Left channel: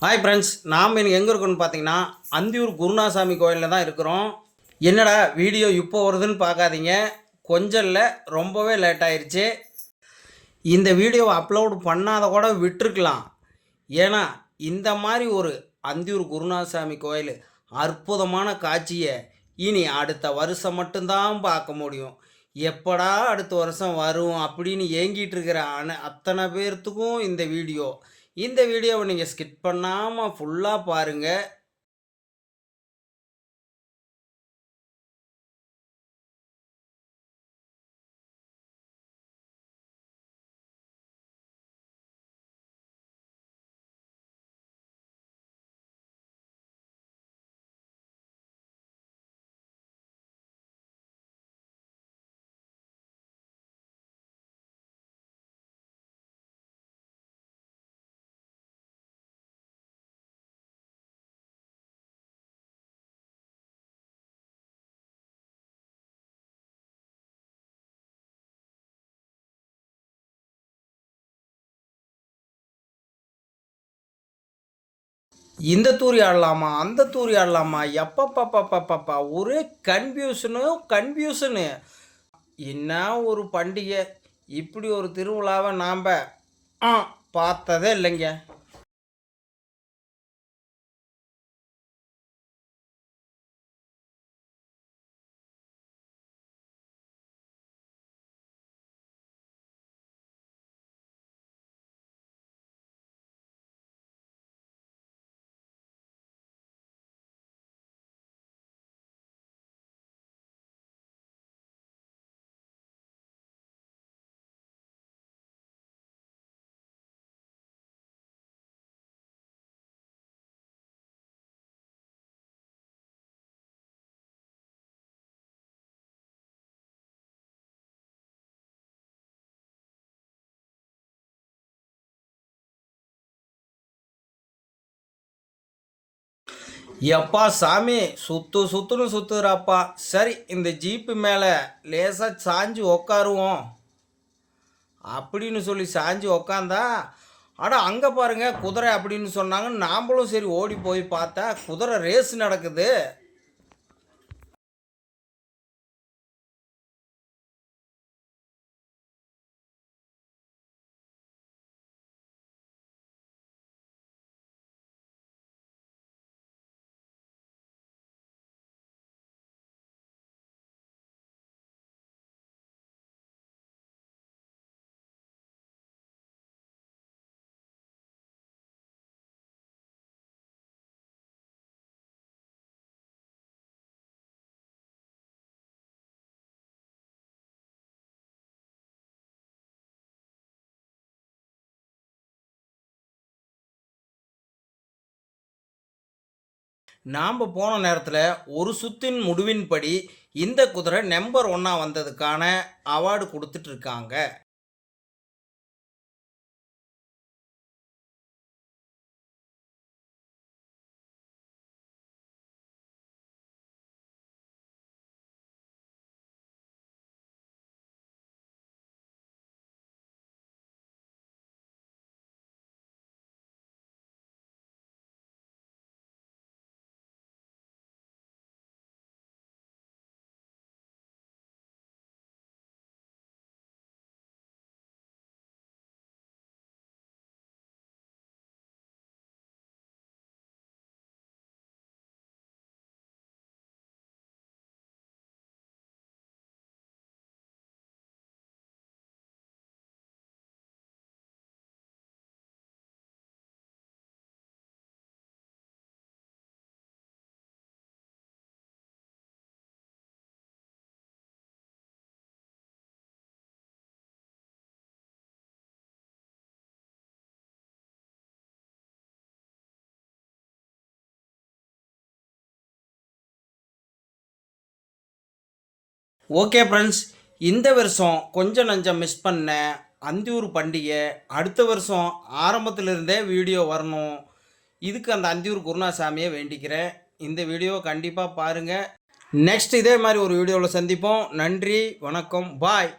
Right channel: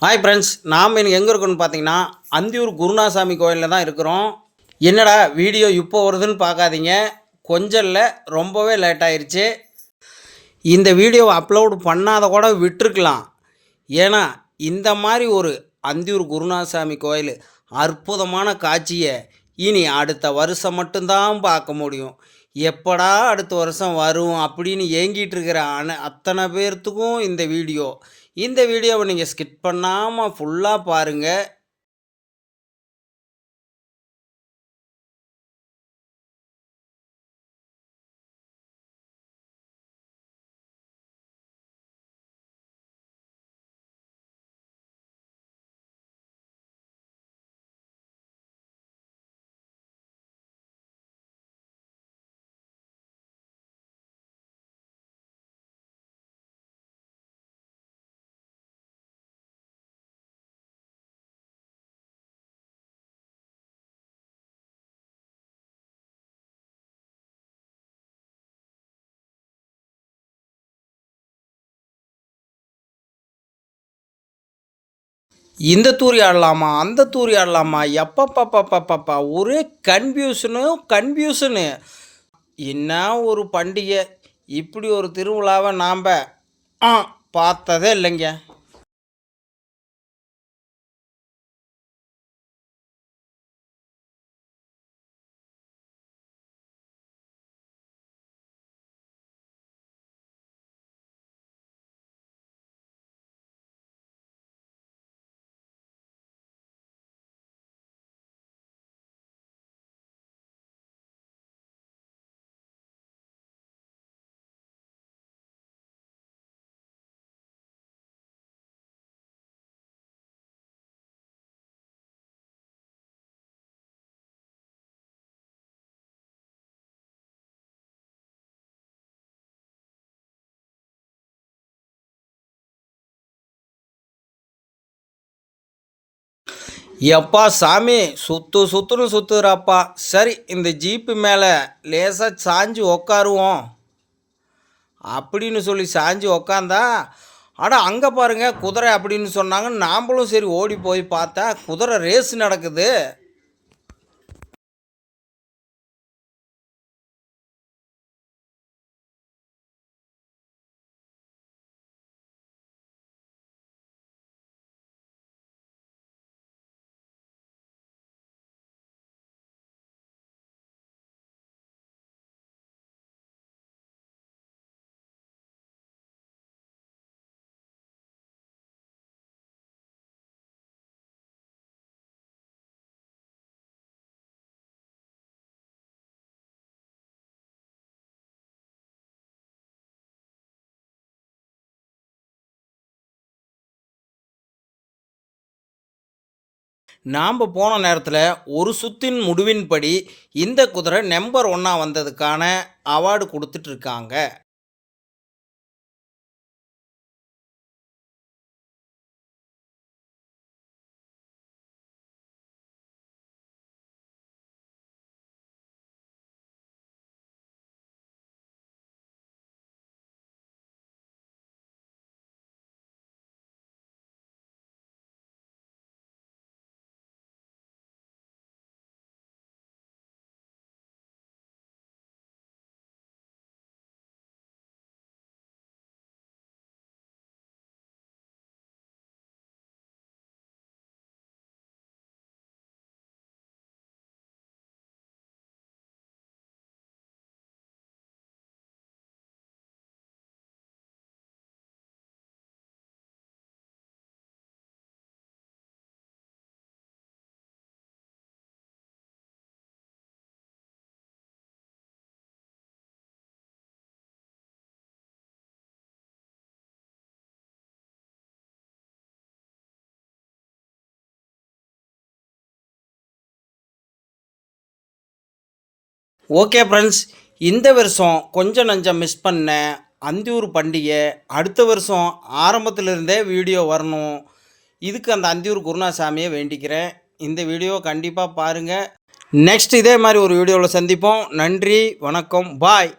Hi friends நாம் இன்னைக்கு எங்கே இருக்கோம்னு பார்த்தீங்கன்னா அந்தியூர் குருநாசாமி கோயிலில் தான் இருக்கிறோம். என்னடா வீடியோ இப்போ வருதுன்னு பார்க்காதீங்க. கொஞ்சம் இல்லை ரொம்பவே லேட் ஆயிடுச்சு இந்த வீடியோவை அப்லோடு பண்ணாத கூட விட்டுருக்கலாம். ஏன்னா இந்த மாதிரி ஒரு அந்தியூர் குருநாசாமி கோயில் அற்புதமான காட்சியை இனி அடுத்த வருஷம் மட்டும்தான் பார்க்க முடியும். எப்படா அடுத்த வருஷம் வரும் அப்படின்னு ஏங்கிட்டு இருக்கிற அன அத்தனை பேர்த்துக்கும் இந்த வீடியோ. இந்த வீடியோவை நீங்கள் ஸ்கிப் பண்ணாமல் ஃபுல்லாக பாருங்கள் இந்த தூரி ஆடலாமா அந்த தூரி ஆடலாமா எப்பப்பப்பப்பப்பா ஒரே கன்ஃபியூஷனு கன்ஃபியூஷனு என்ன ஒரு பண்டிகை இப்படி ஒரு திருவிழாவை நாம் பார்த்ததே இல்லைங்க. எப்பா சாமி? சுத்து சுத்துன்னு சுத்துறாப்பா. சரி இந்த ஜீப்பு மேலே லேசாக சாஞ்சு உக்காருவோம். அப்படின்னு சொல்லி சாஞ்சு உக்காந்தா அட அங்கே பாருங்க குதிரை அப்படின்னு சொன்னாங்க நாம்பளும் சரி ஓடி போய் பார்த்தா குதிரை ரேஸ் நடக்குது. நாம் போன நேரத்தில் ஒரு சுத்தின் முடிவின்படி இந்த குதிரை நம்பர் ஒன்னாக வந்ததுக்கான அவார்டு கொடுத்துட்ருக்காங்க ஓகே ஃப்ரெண்ட்ஸ் இந்த வருஷம் கொஞ்சம் நஞ்சம் மிஸ் பண்ண அந்தியூர் பண்டிகை அடுத்த வருஷம் ஆரம்பத்திலிருந்தே வீடியோ வரணும். இதுக்கு அந்த அந்தியூர் குருணாசாமியை வேண்டிக்கிறேன். இந்த வீடியோ கண்டிப்பாக பாருங்கள் நெக்ஸ்ட் இதே மாதிரி ஒரு வீடியோவில் சந்திப்போம். நன்றி வணக்கம் பாய்